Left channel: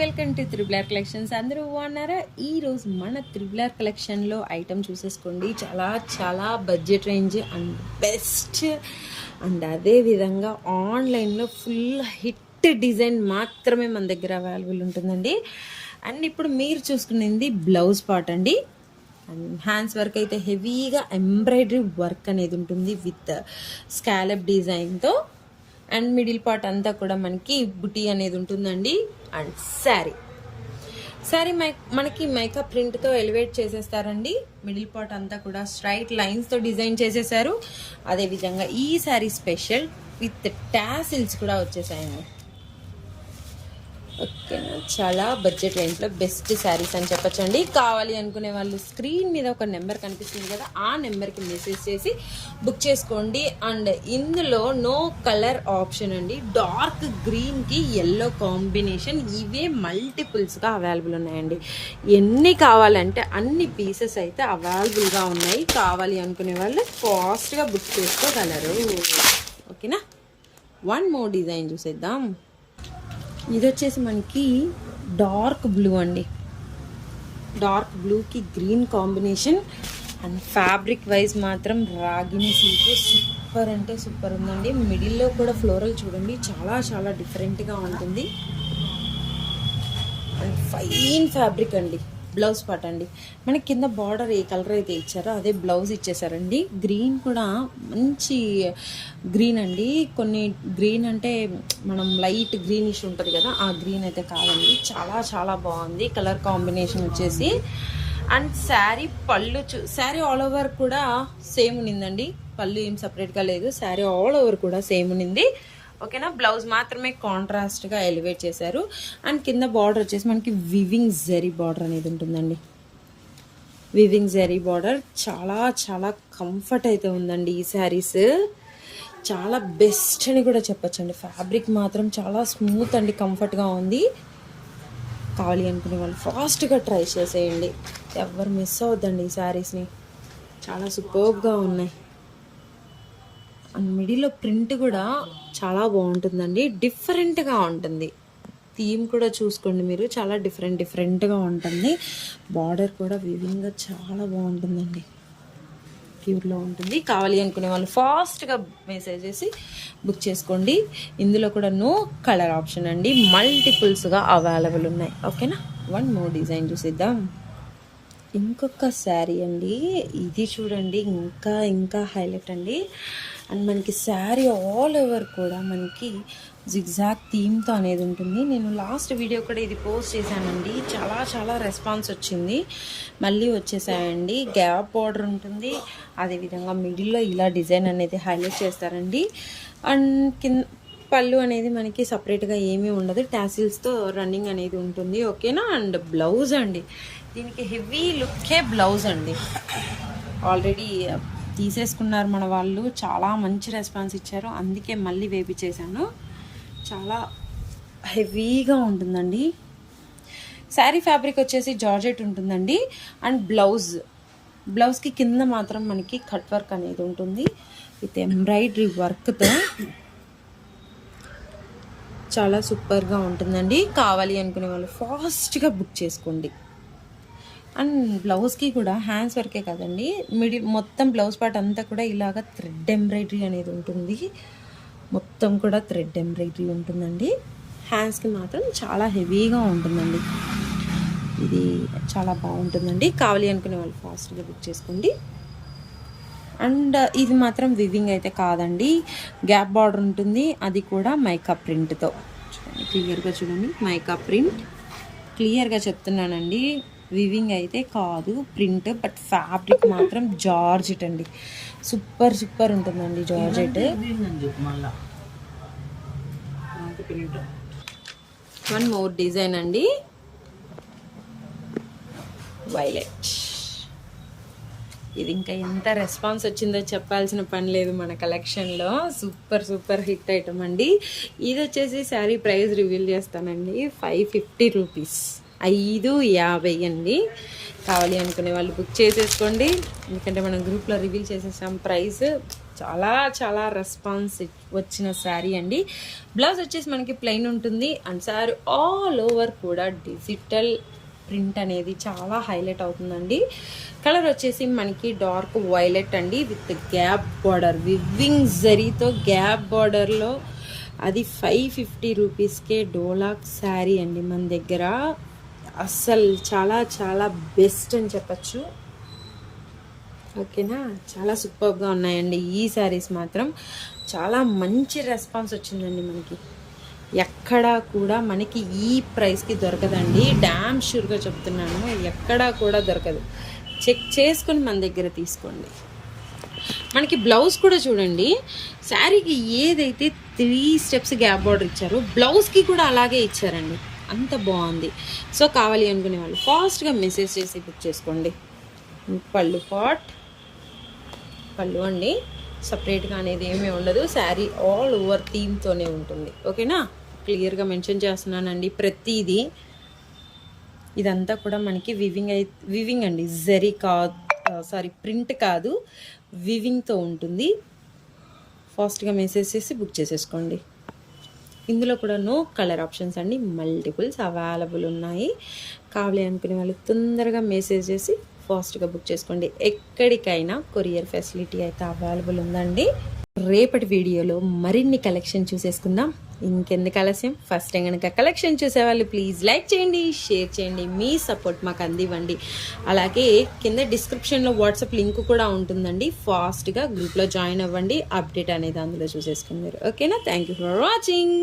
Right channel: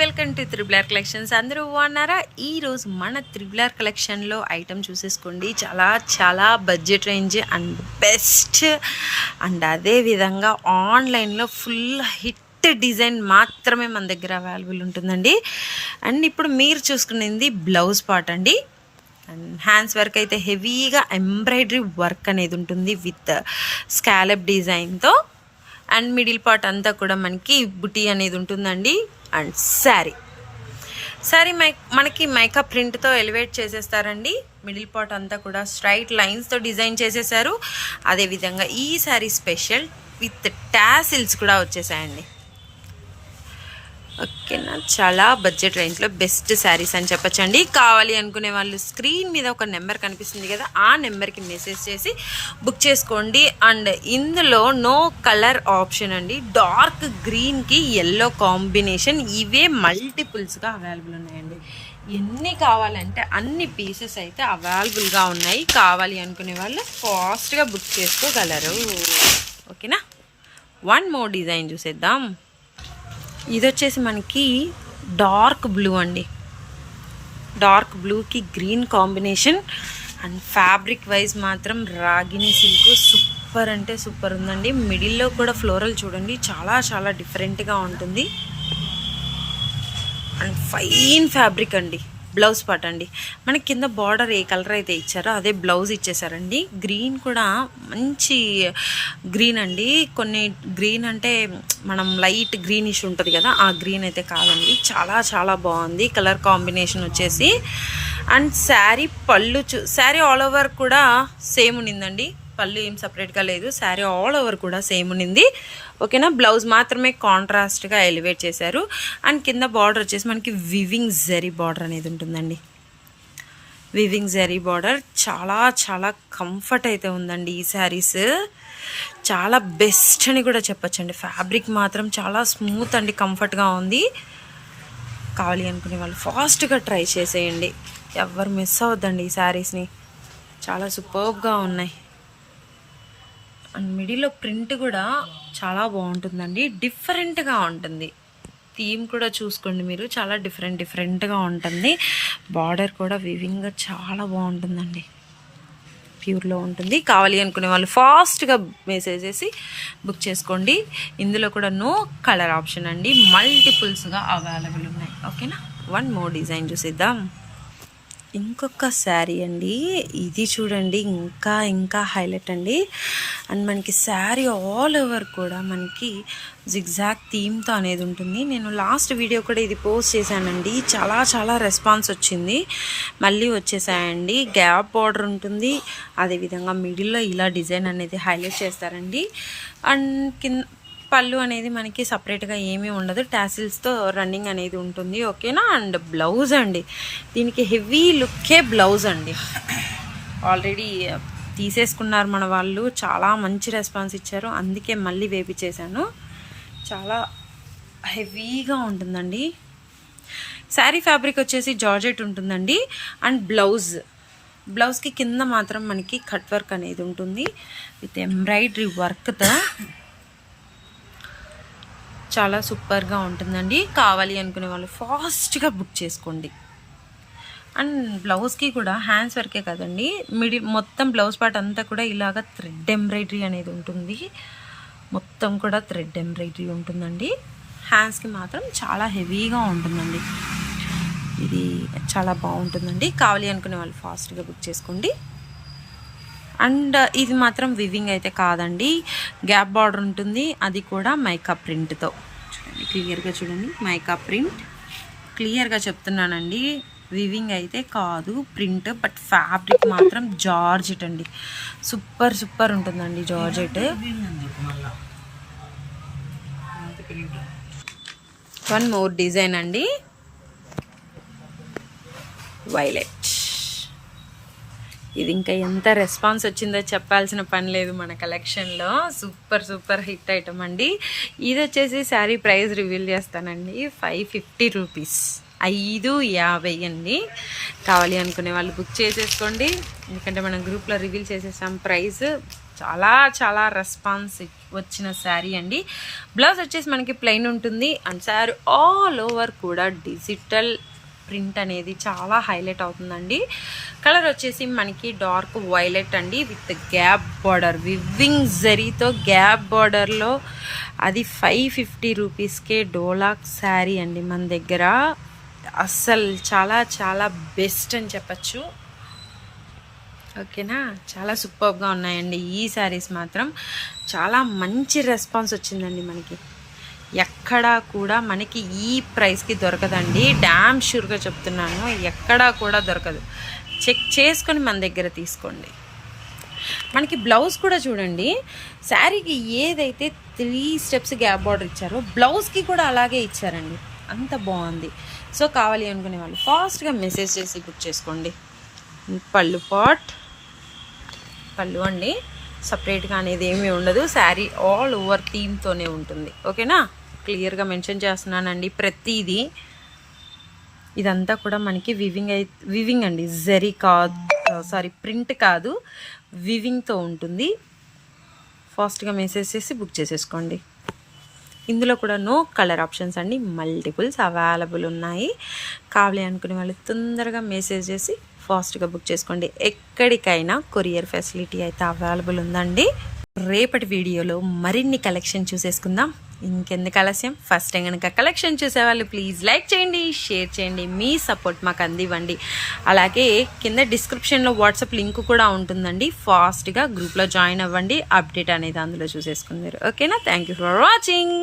Welcome to triple R collections. అందరూ బాగున్నారా? ఈరోజు మన త్రిబులర్ కలెక్షన్లో ఐటమ్ చూసేసుకోండి. చాలా చాలా budget range and best. And అదే విధంగా ఆన్లైన్లో ఫుల్ హిట్ డిజైన్ మాత్రమే మన దగ్గర అవైలబుల్ ఉంటుందండి. అండ్ ఇప్పుడు మీరు చూసుకునేది బ్లౌజ్ పార్ట్ అండి. అండ్ హ్యాండ్స్ వర్క్ అయితే హెవీగా ఎంబ్రాయిడరీ వర్క్ అనేది ఉంటుంది విత్ స్కాలప్ డిజైన్తో. అండ్ మిడిల్ పార్ట్ అంతా కూడా మనకి బుటీ అనేది ఉంటుందండి. అండ్ శారీ. శారీ మై మనకి మైకా ప్రింట్తో ఎలివేట్ చేసేస్తారండి. మిడిల్ పార్ట్ అంతా కూడా స్ట్రైట్ లైన్స్తో డిజైన్ చేసేసారు. అదేవిధంగా ఈ శారీ స్పెషల్ విత్ టాసిల్స్ కూడా వచ్చేసాయండి. ఓకేనా చాలా బడ్జెట్ రేంజ్లో బెస్ట్ శారీస్ అని చెప్పచ్చండి. కావాలి అనుకునే వాళ్ళు స్క్రీన్ మీద ఒక నెంబర్ కనిపిస్తుంది కదా ఆ నెంబర్కి మెసేజ్ చేసి బుక్ చేసుకోండి. అండ్ ఇందులో నో కలర్ ఆప్షన్ అండి. డార్క్ గ్రీన్కి ఎల్లో కాంబినేషన్ ఇవే మల్టిపుల్స్గా అవైలబుల్ ఉన్నాయండి. ఎన్ని కావాలంటే అన్ని పీసెస్ అయితే అవైలబుల్గా ఉన్నాయి. కావాలి అనుకునే వాళ్ళు ఫాస్ట్గా బుక్ చేసుకోగలరు. ఓకేనా? వన్ మోర్ డిజైన్ చూసేద్దాం. ఇది వచ్చేసి మనకి డార్క్ బ్లూ అండి. డార్క్ బ్లూకి green combination and fabric wise మాత్రం రాగిని సిల్క్ సూపర్ అంటే సూపర్ ఉందండి. మిడిల్లో కూడా ఫ్లోరల్ చూడండి చాలా చాలా డిఫరెంట్గా ఉంటుంది. అండ్ ఫైన్ ఫ్యాబ్రిక్ అండి. బ్లౌజ్ పార్ట్ అండి. మనకి కింద బార్డర్ ఏ కలర్ అయితే ఇచ్చారో అదే బ్లౌజ్ ఇచ్చేసారండి. గ్రీన్ కూడా మంచి గ్రీన్ అండి. కొన్ని గ్రీన్ అంటే మనం లైట్ గ్రీనిష్ ఉంటుంది కదా ఆ గ్రీన్ అయితే కాదండి. చాలా చాలా బాగుంది. కలర్ కాంబినేషన్ వచ్చేసి. అండ్ శారీ పళ్ళు చూ శారీ ఆల్ ఓవర్ కూడా సేమ్ ఉన్నిందండి. పళ్ళు ఏం సపరేట్గా లేదు. శారీ ఆల్ ఓవర్ కూడా సేమ్ ఉన్నింది. ఓకేనా? బ్లౌజ్ మాత్రమే కాంట్రాస్ట్గా ఎలివేట్ చేశారు. అండ్ కింద బార్డర్ వచ్చేసి మనకి వివింగ్ జరీ బార్డర్ అనేది ఉంటుందండి. వివింగ్ జరీ బార్డర్ చాలా చాలా కంఫర్ట్ అయితే ఉందండి ఈ శారీస్ చాలా బెస్ట్ అని కూడా చెప్పొచ్చండి. ఫ్యాబ్రిక్ మాత్రం చాలా స్మూత్ అండి కంఫర్ట్గా ఉంది. కావాలి అనుకునే వాళ్ళు ఫాస్ట్గా ట్రై చేసేయండి. ఎవరు మిస్ అవద్దండి ఈ శారీస్ని చాలా సూపర్గా ఉన్నాయి. అండ్ మిడిల్లో ప్రింట్ కూడా చాలా బాగుంటుందండి. డిఫరెంట్గా ఉంటుంది. థీమ్ కూడా చూసుకోండి మీరు. చాలా డిఫరెంట్ డిఫరెంట్గా ఉంటుంది. బార్డర్ కూడా వివింగ్గా చాలా బాగుంటుందండి. ప్యూర్లో ఉంటుంది. కావాలి అనుకునే వాళ్ళు ఫాస్ట్గా మెసేజ్ చేసి బుక్ చేసుకోండి. ఇందులో కూడా నో కలర్ ఆప్షన్ అండి. మల్టిపుల్స్గా అవైలబుల్ ఉన్నాయి. ఓకేనా? వన్ మోర్ డిజైన్ చూసిద్దాం. ఇంకొక శారీ అండి. ఇది చూడండి ఇంకా ఇంకా హైలైట్ అండి. అండ్ మనకి శారీ ఆల్ ఓవర్ కూడా మనకి జిగ్జాగ్ థీమ్తో అనేది ఉంటుంది. నేను లాస్ట్ వీడియో కూడా ఇది పోస్ట్ చేశానండి. చాలా చాలా రెస్పాన్స్ వచ్చింది. మళ్ళీ వచ్చేసాయండి. గ్యాప్ బార్డర్ ఉంటుంది. అదేవిధంగా మిడిల్లో ఇలా డిజైన్ అనేది హైలైట్ చేస్తారండి. అండ్ కింద పళ్ళు అనేది మనకి సపరేట్గా ఏమీ ఉండదు. టాసిల్స్తో రన్నింగ్ అనేది ఉంటుంది ఓకేనా అండ్ బ్లౌజ్ అండి. దీనికి హెవీ లుక్కే బ్లౌజ్ అండి. ఆల్రెడీ uh, తీసేసుకున్నారు మన వాళ్ళు. చాలా మంచి రెస్పాన్స్ ఇచ్చారు. అందుకే మళ్ళీ వేపించేశాను చాలా హెవీగా ఉంటుందండి. శారీ ఫ్యాబ్రిక్ వచ్చేసి జార్జెట్ ఉంటుందండి. అండ్ బ్లౌజ్ బ్లౌజ్కి కింద మాత్రం మనకి కట్ వర్క్ అనేది ఉంటుంది. విత్ ఎంబ్రాయిడరీ వర్క్తో చాలా సూపర్గా ఉంటుందండి. కావాలి అనుకునే వాళ్ళు ఫాస్ట్గా బుక్ చేసుకోండి. అండ్ బ్లౌజ్కి కూడా హ్యాండ్స్ వర్కే కదండి. మిడిల్ మొత్తం బ్లౌజ్ పార్ట్ అంతా కూడా ఇలాగ థ్రెడ్ ఎంబ్రాయిడరీ అనేది ఉంటుంది. మొత్తం కూడా థ్రెడ్ ఎంబ్రాయిడరీ ఉంటుందండి. హ్యాండ్స్కి మాత్రం చాలా హెవీగా ఉంటుందండి. ఇది చాలా బాగుంటుందండి. కావాలి అనుకునే వాళ్ళు ఫాస్ట్గా బుక్ చేసుకోండి. అండ్ ఇది మాత్రం వివింగ్ అయితే కాదండి. గ్యాప్ బార్డర్ ఉంటుంది. అది కూడా మైకా ప్రింట్తో చూడండి క్లియర్గా చూడండి. మైకా ప్రింట్ క్లియర్గా చెప్తున్నానండి. వివింగ్ అయితే కాదు ప్రింట్ బట్ ఫ్యాబ్రిక్ మాత్రం జార్జెట్ అండి. సూపర్ సూపర్ ఉంటుందండి జార్జెట్. వన్ మోర్ డిజైన్ అండి. వైలెట్ ఇది ఇంకా ఎంత రెస్పాన్స్ వచ్చిందో చెప్పాల్సిన పని లేదు మన కలెక్షన్లో సూపర్ సూపర్ హిట్ ఐటమ్ అండి. ఇది వచ్చేసి శారీ ప్రైస్ రివీల్ చేస్తానండి. ఫైవ్ ఫిఫ్టీ రూపీస్ ఐదు యాభై అండి. కావాలి అనుకునే వాళ్ళు బుక్ చేసేసుకోండి. ఎందుకంటే మనం గ్రూప్లో రివీల్ చేసేసాం ప్రైస్. చాలా చాలా రెస్పాన్స్ వచ్చిన శారీ అండి. బ్లౌజ్ వచ్చేసి మనకి ప్లెయిన్ ఉంటుంది. అండ్ శారీ ఆల్ ఓవర్ కూడా డిజిటల్ ప్రింట్ అనేది చాలా హైలైట్ అవుతుందండి. కలర్ వచ్చేసి మనకి డార్క్ వైలెట్ అండి. విత్ గ్యాప్ బార్డర్ వివింగ్ జరీతో గ్యాప్ బార్డర్లో అది ఫైవ్ ఫిఫ్టీ రూపీస్కే డోలాక్ శారీ అండి మన దగ్గర. అస్సలు చాలా చాలా బెస్ట్ అని చెప్పచ్చు. ఓకేనా? చాలా సూపర్గా ఉన్నాయండి ఈ శారీస్ మాత్రం. చాలా మంచి రెస్పాన్స్ వచ్చిందండి మనకి. ఎక్కడా కూడా మనకి ఈ ప్రైస్కి దొరకదండి. డ్యామ్ షూర్గా చెప్తున్నాను ఎక్కడా కూడా దొరకదు. చెక్ చేసుకొని మన దగ్గర తీసుకోండి. మనకి బ్లౌజ్ కూడా చూడండి శారీకి ఏదైతే త్రీ స్టెప్స్ గ్యాప్ బార్డర్ ఇచ్చారో బ్లౌజ్కి కూడా అలాగే ఇచ్చారండి. అంత బాగుంది. సో కావాలి అనుకునే వాళ్ళు ఫాస్ట్గా మెసేజ్ చేసి బుక్ చేసుకోండి. పళ్ళు పాట్ పళ్ళు అండి. సపరేట్గా అనేది ఏమీ ఉండదు. శారీ ఆల్ ఓవర్ థీమ్తోనే ఉంటుంది. ఓకేనా? క్లియర్గా మెన్షన్ చేస్తున్నానండి ప్రతిదీ. ఇదంతా కూడా మనకి వివింగ్ అయి వివింగ్ అండి. జరీ కాదు సారీ ప్రింట్ కాదు. వివింగ్తో ఉంటుంది. ఫాస్ట్గా మెసేజ్ చేసి బుక్ చేసేసుకోండి. ఇందులో కూడా నో కలర్ ఆప్షన్స్ అండి. మల్టిపుల్స్ అవైలబుల్ ఉన్నాయి. కావాలి అనుకునే వాళ్ళు తొందరగా మెసేజ్ చేసి ఫాస్ట్గా బుక్ చేసుకోండి. ఎక్కడికైనా కొరియర్ ఫెసిలిటీ అయితే అవైలబుల్ ఉందండి. రేపటి వీడియోలో మరిన్ని కలెక్షన్ చూసేసుకుందాం. ఇంకెందుకు ఆలస్యం? ఫస్ట్ టైం కనుక కలెక్షన్ చూసేవాళ్ళు ప్లీజ్ లైక్ చేయండి షేర్ చేయండి. మీ సపోర్ట్ మాకు అందివ్వండి. అలాగే కింద డిస్క్రిప్షన్లో వాట్సాప్ లింక్ కూడా ఉంటుందండి. ఫాస్ట్గా గ్రూప్లో జాయిన్ అవ్వండి. అప్డేట్ అనేది అందులో చూసేసుకున్నారు ఓకేనా? Thank you for watching.